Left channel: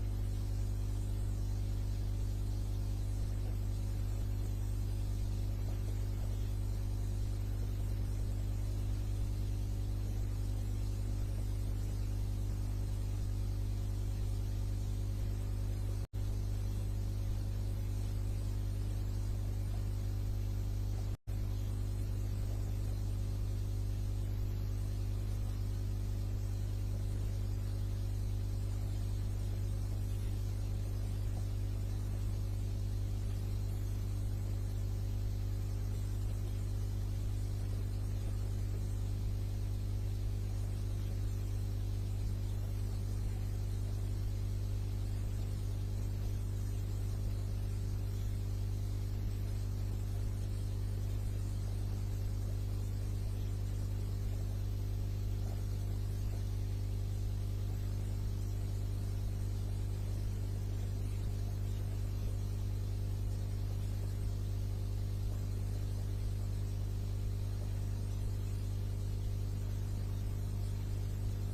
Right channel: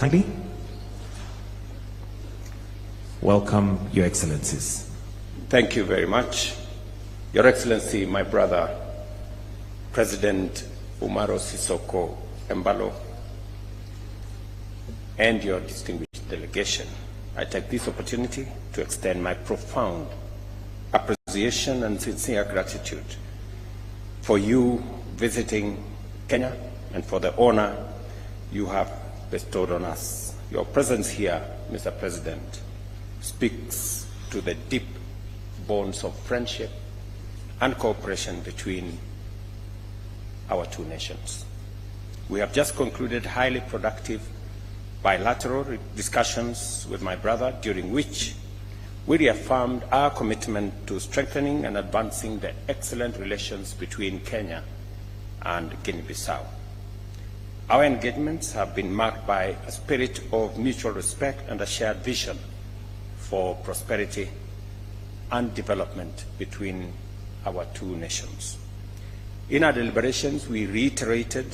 kindly. Welcome, Your Excellencies. Thank you very much. Your Excellency, my brother, President Umaro Sissoco Embalo, and your distinguished delegation, I take this opportunity to extend my profound appreciation and sincere gratitude for you visiting Kenya and for the honor you have bestowed on us. Your presence here, Mr. President, speaks to the deep bonds of friendship and cooperation between our two nations. We have just concluded highly productive bilateral discussions with my brother, during which we reaffirmed our commitment to strengthening and advancing the excellent relations between Kenya and Guinea-Bissau. Our engagements have been marked by a spirit of mutual respect and a shared vision for prosperity and development between our two nations. In our deliberations, we reiterated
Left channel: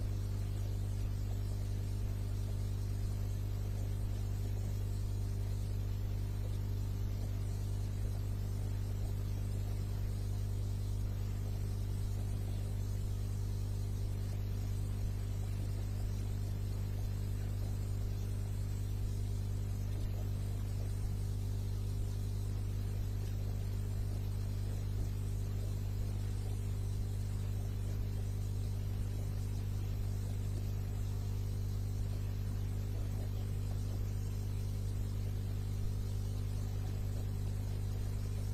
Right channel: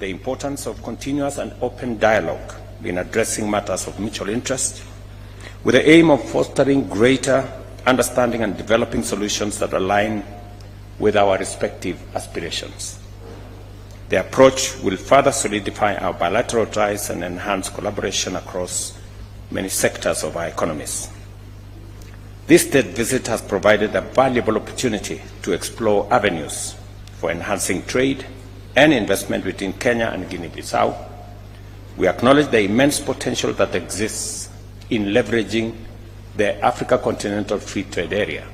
the importance of continuous and open dialogue in addressing matters of mutual interest, with the aim of fostering greater understanding and developing solutions that align with our respective aspirations. The approach will further solidify our bilateral ties and enhance collaboration across many sectors of our economies. This state visit has provided a valuable opportunity to explore avenues for enhancing trade and investment between Kenya and Guinea-Bissau. We acknowledge the immense potential that exists in leveraging the Africa Continental Free Trade Area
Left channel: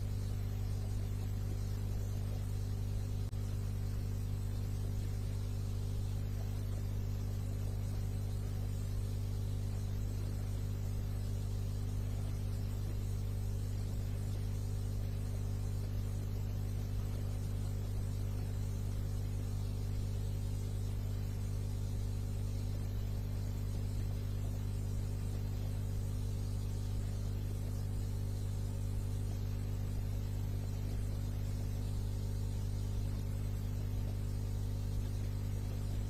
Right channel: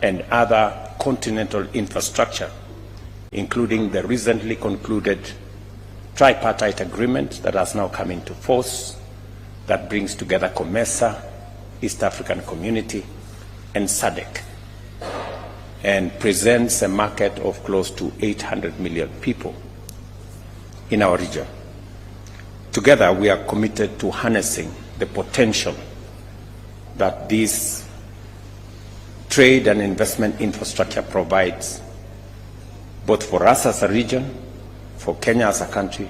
and other continental infrastructure, including the recently concluded tripartite agreement that has now come into force, that brings together COMESA, East African Community, and SADC, and presents a market of close to 800 million people in our region. Together, we are committed to harnessing the potential that this trade and investment infrastructure provides, both for us as a region, for Kenya as a country,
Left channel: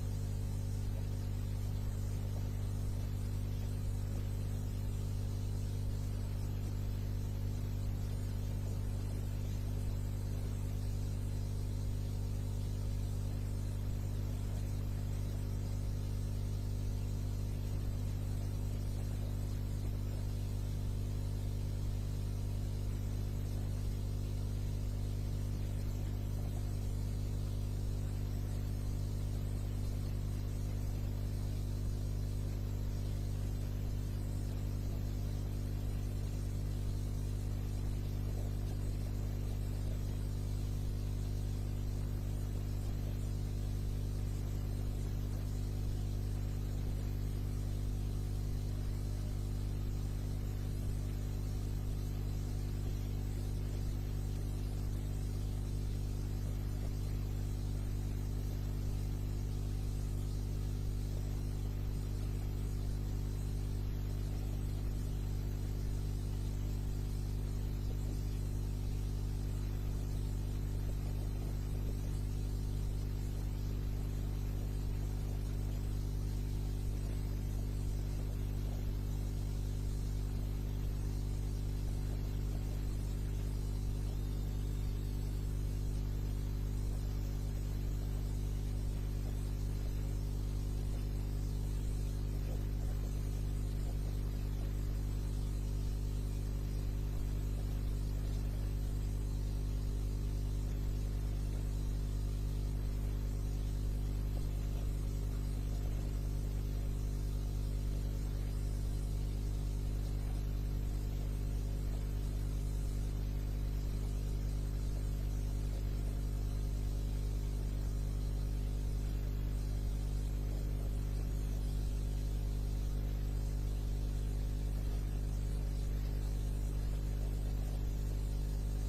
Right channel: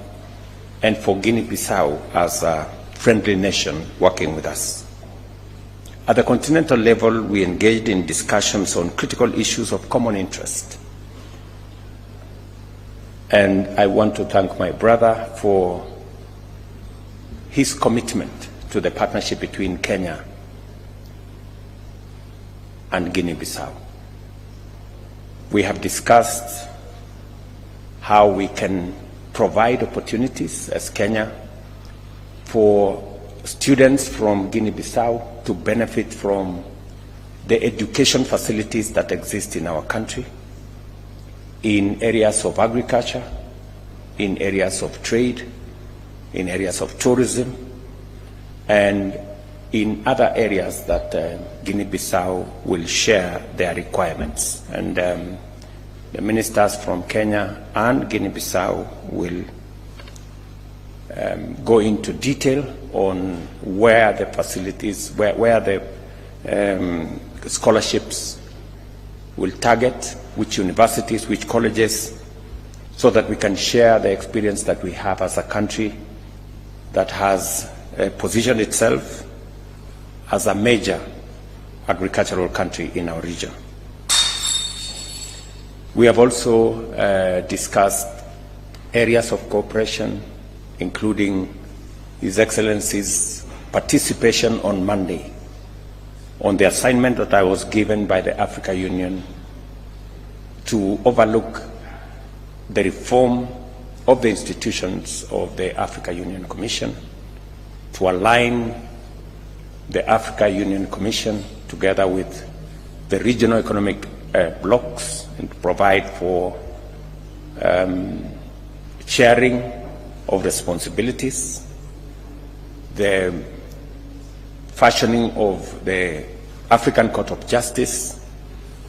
and for Guinea-Bissau as a friendly nation working with us. At the continental level, we engaged in discussions on critical issues of common interest. And I want to thank my brother for his commitment to the partnership between Kenya and Guinea-Bissau. We have discussed how we can provide opportunities as Kenya for students from Guinea-Bissau to benefit from the education facilities that exist in our country, in areas of agriculture, in areas of trade, in areas of tourism, and in other areas that Guinea-Bissau will share their requirements. And the ministers from Kenya and Guinea-Bissau will go into detail on where the facilities, where the scholarships will target, which universities, which colleges, so that we can share the experience that we have as a country that has positioned itself as a major agricultural country in our region. We have also discussed areas of cooperation, including His Excellency's participation on Monday on the assignment that I was given by the Africa Union to overlook the reform of the institutions of the Africa Union Commission, to align the Africa Union Commission together with the regional economic blocs, and to provide for sharing of responsibilities, the fashioning of the African Court of Justice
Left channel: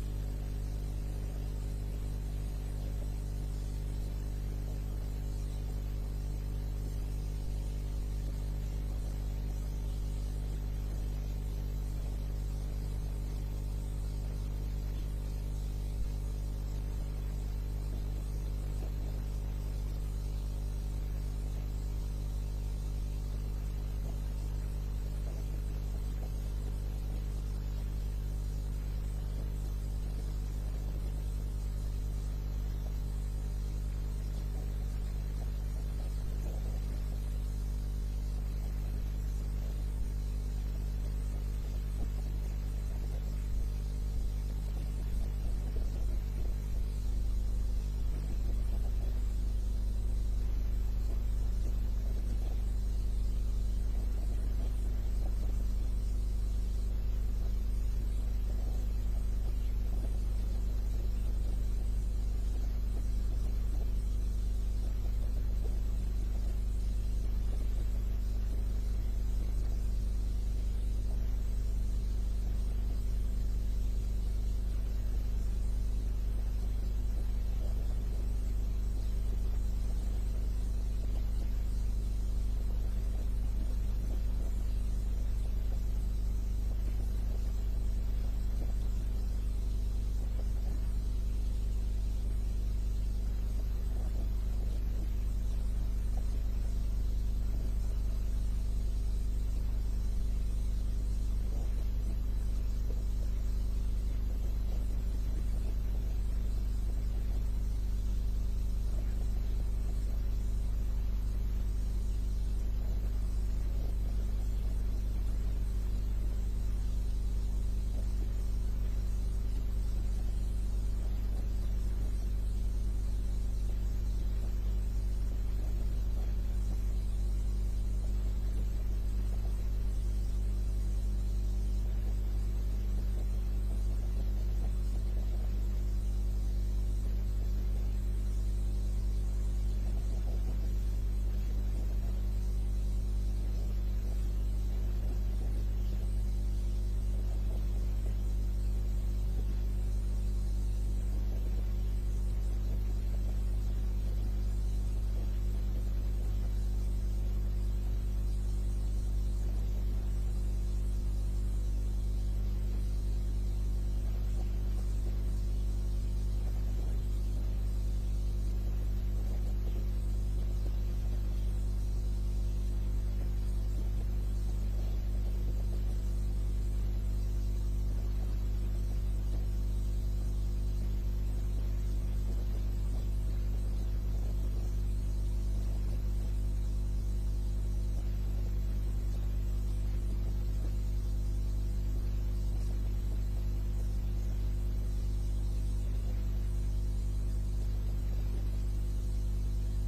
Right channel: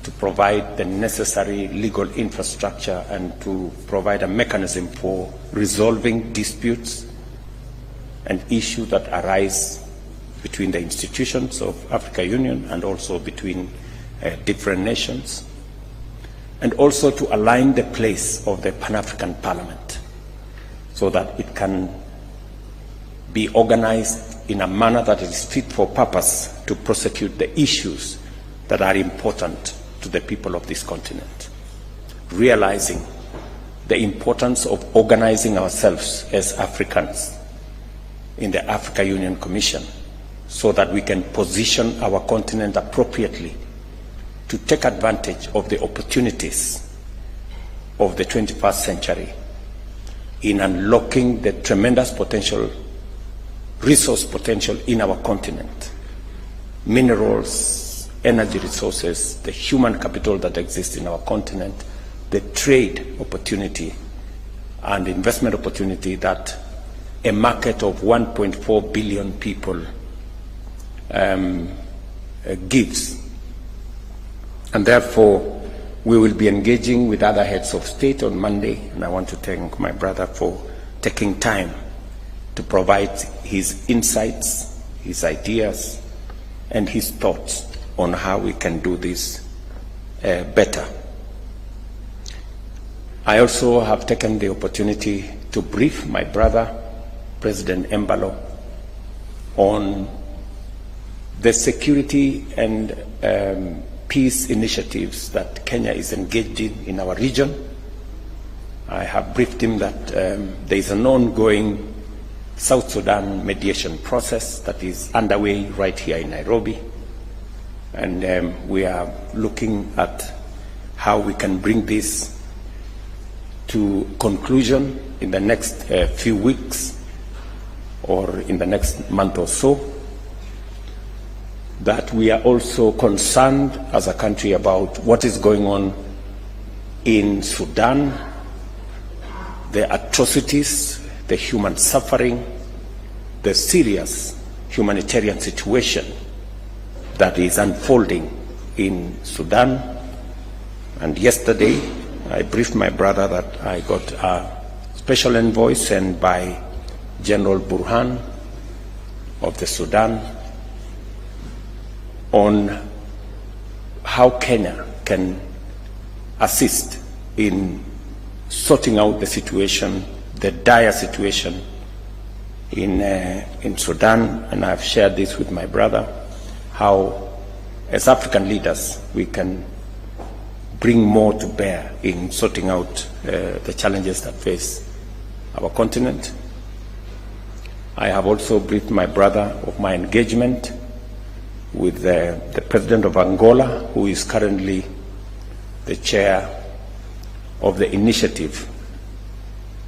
to provide the necessary legal infrastructure and to provide a mechanism for resolving disputes and issues that arise between the institutions of Africa Union and also between different nations, and also to align the place of the Pan-African Parliament so that it can be organized in a manner that is fit for purpose to prosecute the issues that are important to the people of this continent, realizing the importance of organizing ourselves as Africans in the Africa Union Commission so that we can position our continent appropriately to take advantage of the opportunities of the 21st century in unlocking the tremendous potential, resource potential in our continent, minerals, energy resources, the human capital that exists in our continent, the trade opportunity and investment opportunity that a market of 1.4 billion people gives. And therefore, we will be engaging with other heads of state on Monday, and I want to thank my brother for taking time to provide his insights, his ideas, and his thoughts on how we can do this better. I also have taken the opportunity to brief my brother, President Embalo, on the security and peace initiatives that Kenya is engaged in our region. I have briefed him that there is an ongoing South Sudan mediation process that is underway right here in Nairobi, and we are looking at how we can bring this to conclusion in the next few weeks or in the next month or so. That we are also concerned as a country about what is going on in Sudan, the atrocities, the human suffering, the serious humanitarian situation that is unfolding in Sudan. And yesterday, I briefed my brother that I got a special envoy sent by General Burhan of the Sudan on how Kenya can assist in sorting out the situation, the dire situation in Sudan. And I've shared this with my brother, how as African leaders we can bring more to bear in sorting out the challenges that face our continent. I have also briefed my brother of my engagement with the President of Angola, who is currently the chair of the initiative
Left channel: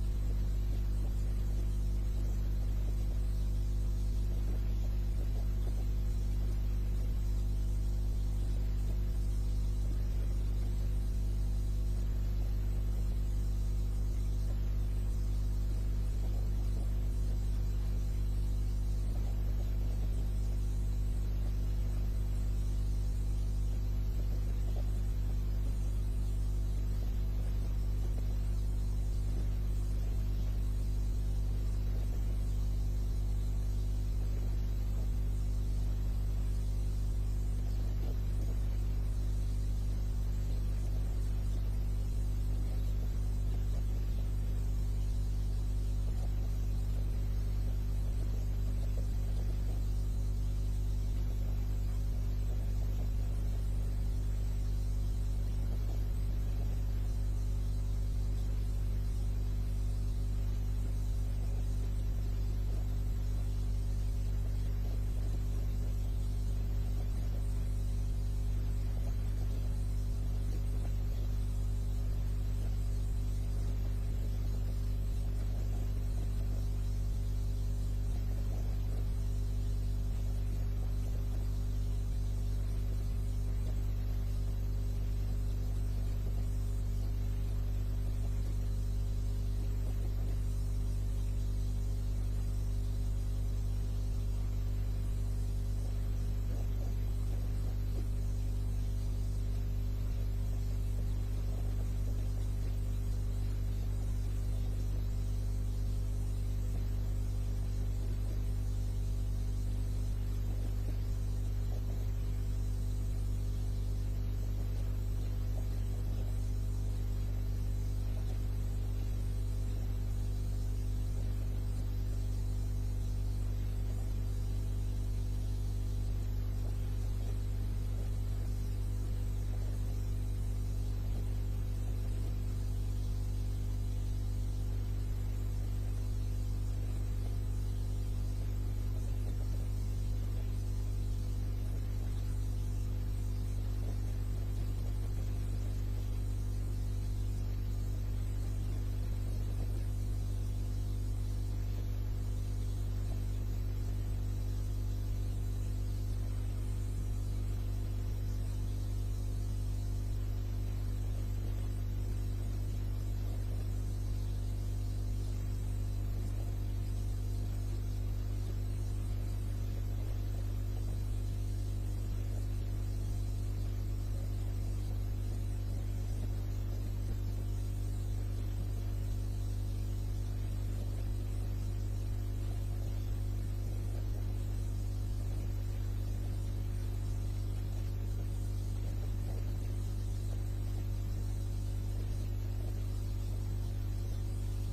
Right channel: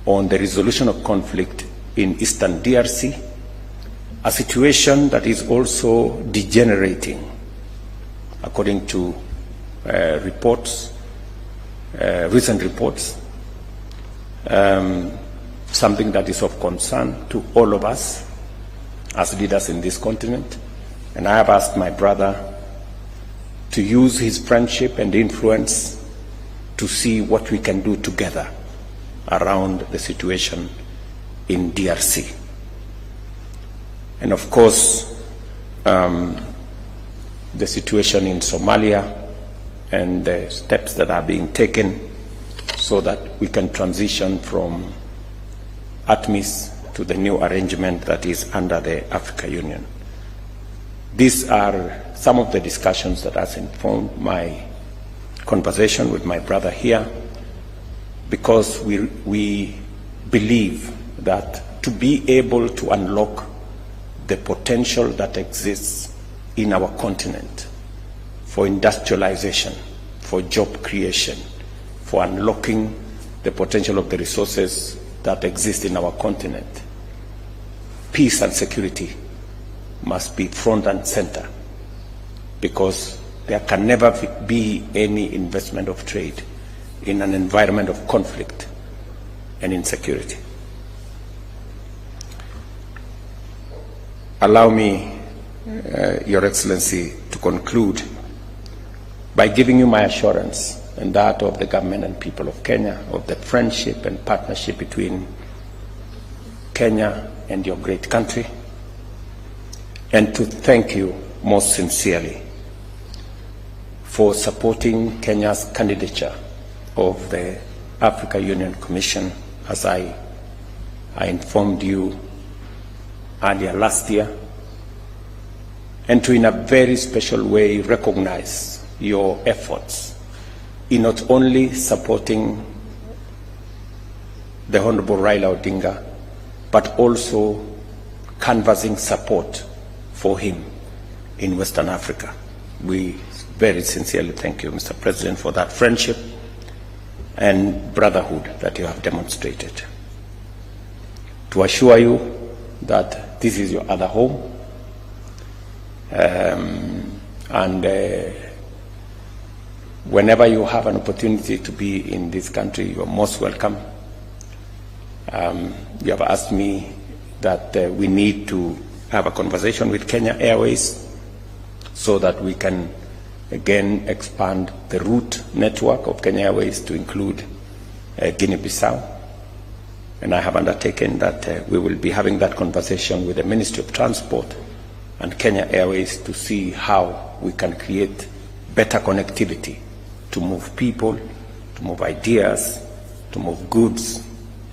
on the resolution of conflict in Eastern DRC, a situation that is also degenerating, according to reports, recent reports, something that is of concern to all of us as leaders in this continent. And I have asked my brother to use his friendship and influence to see what we can do together around the situation in DRC. And of course, the situation in Somalia and the steps that are being taken so that we can transition from ATMIS to the new arrangement that is under the Africa Union. These are some of the discussions that has informed my conversation with my brother here, because we believe that to be able to unlock the potential that exists in our continent for industrialization, for job creation, for unlocking the potential of the resources that exist in our continent, peace and security must be front and center, because there can never be any investment of trade in an environment of conflict and insecurity. Allow me, Your Excellency, to conclude by giving you my assurance and that of the government and people of Kenya of the friendship and partnership between Kenya and your great country, and to thank you most sincerely for supporting Kenya's candidature of the Africa Union Commission, as I informed you earlier last year, and to in a very special way recognize your efforts in not only supporting the Honorable Raila Odinga, but also canvassing support for him in Western Africa. We very sincerely thank you, Mr. President, for that friendship and brotherhood that you have demonstrated. To assure you that this is your other home, whenever you have an opportunity to be in this country, you are most welcome. You have asked me that we need to have a conversation with Kenya Airways so that we can again expand the route network of Kenya Airways to include Guinea-Bissau. And I have undertaken that we will be having that conversation with the Ministry of Transport and Kenya Airways to see how we can create better connectivity to move people, to move ideas, to move goods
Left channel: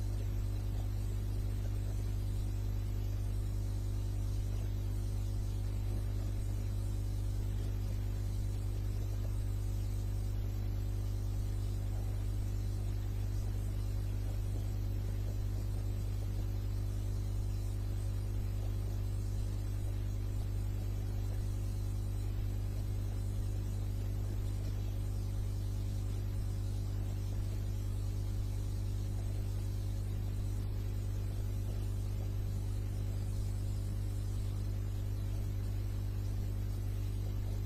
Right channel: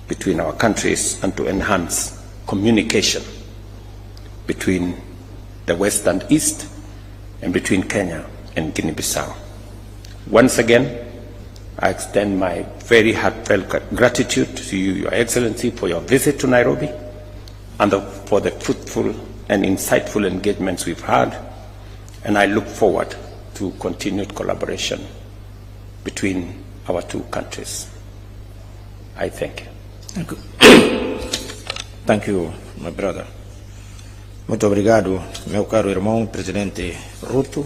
between our countries, and to enhance communication between the West and East and between Kenya and Guinea-Bissau. Once again, I extend my very heartfelt gratitude to you, Your Excellency, for your visit to Nairobi and for the fruitful and insightful engagements we've had, and I look forward to continued collaboration between our two countries. I thank you. Thank you, my brother. Muito obrigado, meu caro irmão, Presidente Ruto.